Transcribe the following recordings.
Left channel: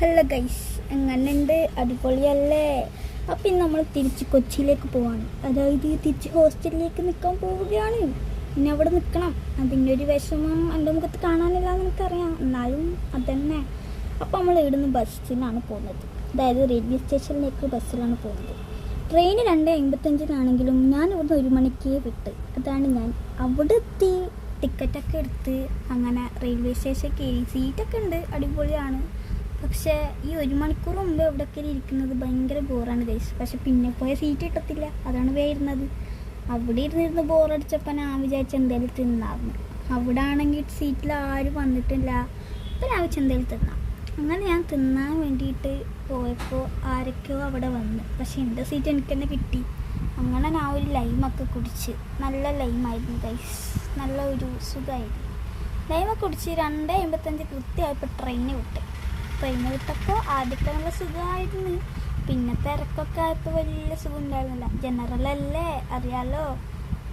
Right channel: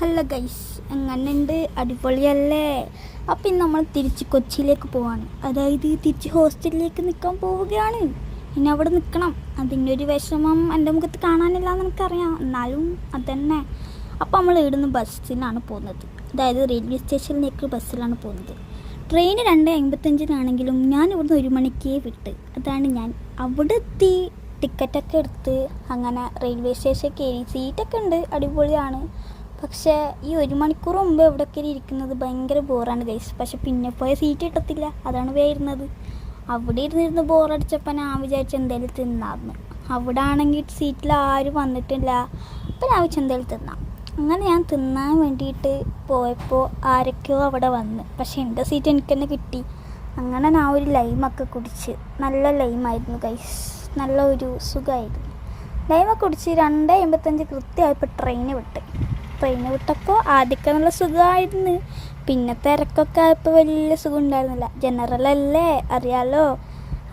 Hello guys, എങ്ങനെയുണ്ട്? അടിപൊളിയല്ലേ? അപ്പം ഇന്ന് നമ്മൾ തിരിച്ച് കൊച്ചിയിലേക്ക് പോവാണ്. അതായത് തിരിച്ച് ഹോസ്റ്റലിലേക്ക് നിൽക്കാൻ പോവുകയാണ്. ഇനി അവിടെ നിൽക്കണം. അതിൻ്റെ ഒരു വിഷമം എൻ്റെ മുഖത്ത് കാണാനില്ല എന്ന് എനിക്കറിയാം, എന്നാലും അതന്നെ. അപ്പം നമ്മൾ ഇവിടുന്ന് ബസ്സിനാണ് പോകുന്നത്. അതായത് റെയിൽവേ സ്റ്റേഷനിലേക്ക് ബസ്സിലാണ് പോകുന്നത്. ട്രെയിന് 2:55 ഞാൻ ഇവിടുന്ന് 1 മണിക്ക് വിട്ട്. അതാണ് ഞാൻ അവിടെ എത്തി, ടിക്കറ്റൊക്കെ എടുത്ത് അങ്ങനെ റെയിൽവേ സ്റ്റേഷൻ കയറി. സീറ്റൊക്കെ ഉണ്ട്, അടിപൊളിയാണ്. പക്ഷേ ഈ 1 മണിക്കൂർ മുമ്പ് എവിടെയൊക്കെ ഇരിക്കുന്നത് ഭയങ്കര ബോറാണ് ഗൈസ്. പക്ഷെ പിന്നെ പോയ സീറ്റ് കിട്ടത്തില്ല, അതാണ് വരുന്നത്. അവിടെ ഇരുന്നിരുന്ന് ബോറടിച്ചപ്പോൾ ഞാൻ വിചാരിച്ച എന്തെങ്കിലും തിന്നായിരുന്നു. അവിടെ ആണെങ്കിൽ സീറ്റിൽ ആരും വന്നിട്ടില്ല. അപ്പോൾ ഞാൻ വിചാരിച്ച എന്തെങ്കിലും തിന്നാം. അങ്ങനെ ഞാൻ തിന്നാൻ വേണ്ടിയിട്ട് പോയപ്പോൾ ആരൊക്കെയോ അവിടെ വന്ന്. പക്ഷേ എൻ്റെ സീറ്റ് എനിക്ക് തന്നെ കിട്ടി. അങ്ങനെ ഞാൻ ഒരു ലൈമൊക്കെ കുടിച്ച്. നല്ല ലൈമായിരുന്നു ഗൈസ്, നല്ല ഒരു സുഖമായിരുന്നു. ലൈമൊക്കെ കുടിച്ച് 2:55 കൃത്യമായപ്പോൾ ട്രെയിന് വിട്ടപ്പോൾ ആദ്യമൊക്കെ നല്ല സുഖമായിരുന്നു. പിന്നെ തിരക്കൊക്കെ ആയപ്പോൾ വലിയ സുഖം ഉണ്ടായിരുന്നില്ല. ജനറലല്ലേ, അറിയാലോ.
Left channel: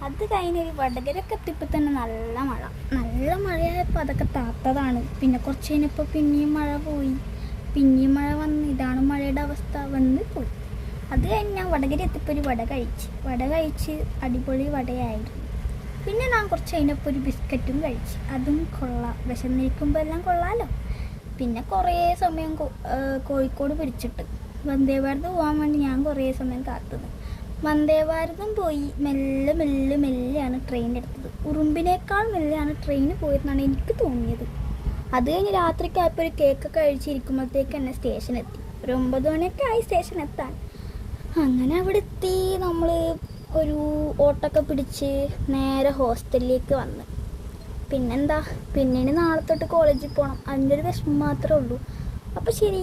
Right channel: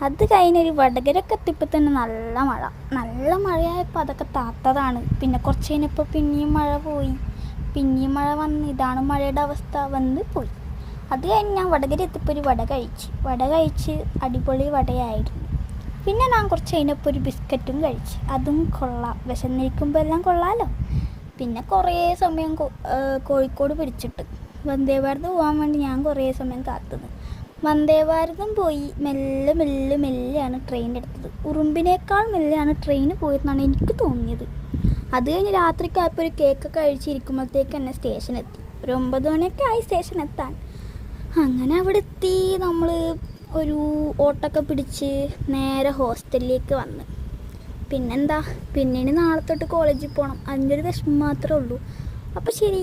അത് കഴിഞ്ഞൊരു വടകരയൊക്കെ എത്തിയപ്പോൾ തന്നെ നല്ല മഴയായപ്പോൾ അതൊക്കെ താത്തതാണ്. പിന്നെ കുറച്ച് കഴിഞ്ഞപ്പോൾ പിന്നെയും മഴ പോയി, പിന്നെയും മഴ വന്ന്. ഇതാണ് മഴയുടെ അവസ്ഥ, വന്ന് പോയി. അത് കഴിഞ്ഞ് ഞാൻ വടകര എത്തിയപ്പോൾ ഒരു വട കഴിച്ച് അടിപൊളി വടയായിരുന്നു. പിന്നെ ഞാൻ കുറച്ച് കഴിഞ്ഞപ്പോൾ ഒരു ബിസ്ക്കറ്റും കഴിച്ച്. അതും കൊള്ളാം, വിശന്നിരിക്കുമ്പോൾ എല്ലാം കൊള്ളാമല്ലോ. പിന്നെ കുറേ സമയം കോഴിക്കോട് പിടിച്ചിട്ട് വന്ദേ ഭാരത് പോകാൻ വേണ്ടി ഞാൻ കുറേ സമയം കാത്തത്. വന്ദേ ഭാരതം പോയി മെല്ലെയാണ് ട്രെയിൻ എടുത്തത്. ഉറുമ്പിനേക്കാൾ മെല്ലെയാണ് ട്രെയിൻ പോയതെന്നാണ് എനിക്ക് തോന്നിയത്. അത് കഴിഞ്ഞ് രാത്രിക്കായപ്പോൾ ഒരു കേക്കൊക്കെ കഴിച്ചിരിക്കുമ്പോഴത്തേക്ക് തന്നെ സ്റ്റേഷൻ എത്തി. ഒരു 9 മണിയൊക്കെ ആയി സ്റ്റേഷൻ എത്താൻ. അങ്ങനെ അവിടെ എത്തി. നമ്മൾ ഒരു ഓട്ടൊക്കെ പിടിച്ച് നേരെ ഹോസ്റ്റലിലേക്ക് വന്ന്. പിന്നെന്താ, പിന്നീട് നാളെ തൊട്ട് കോളേജിൽ പോകണം. അതിൻ്റെ ഒരു വിഷമം മാത്രമേ ഉള്ളൂ. അപ്പോൾ ശരി.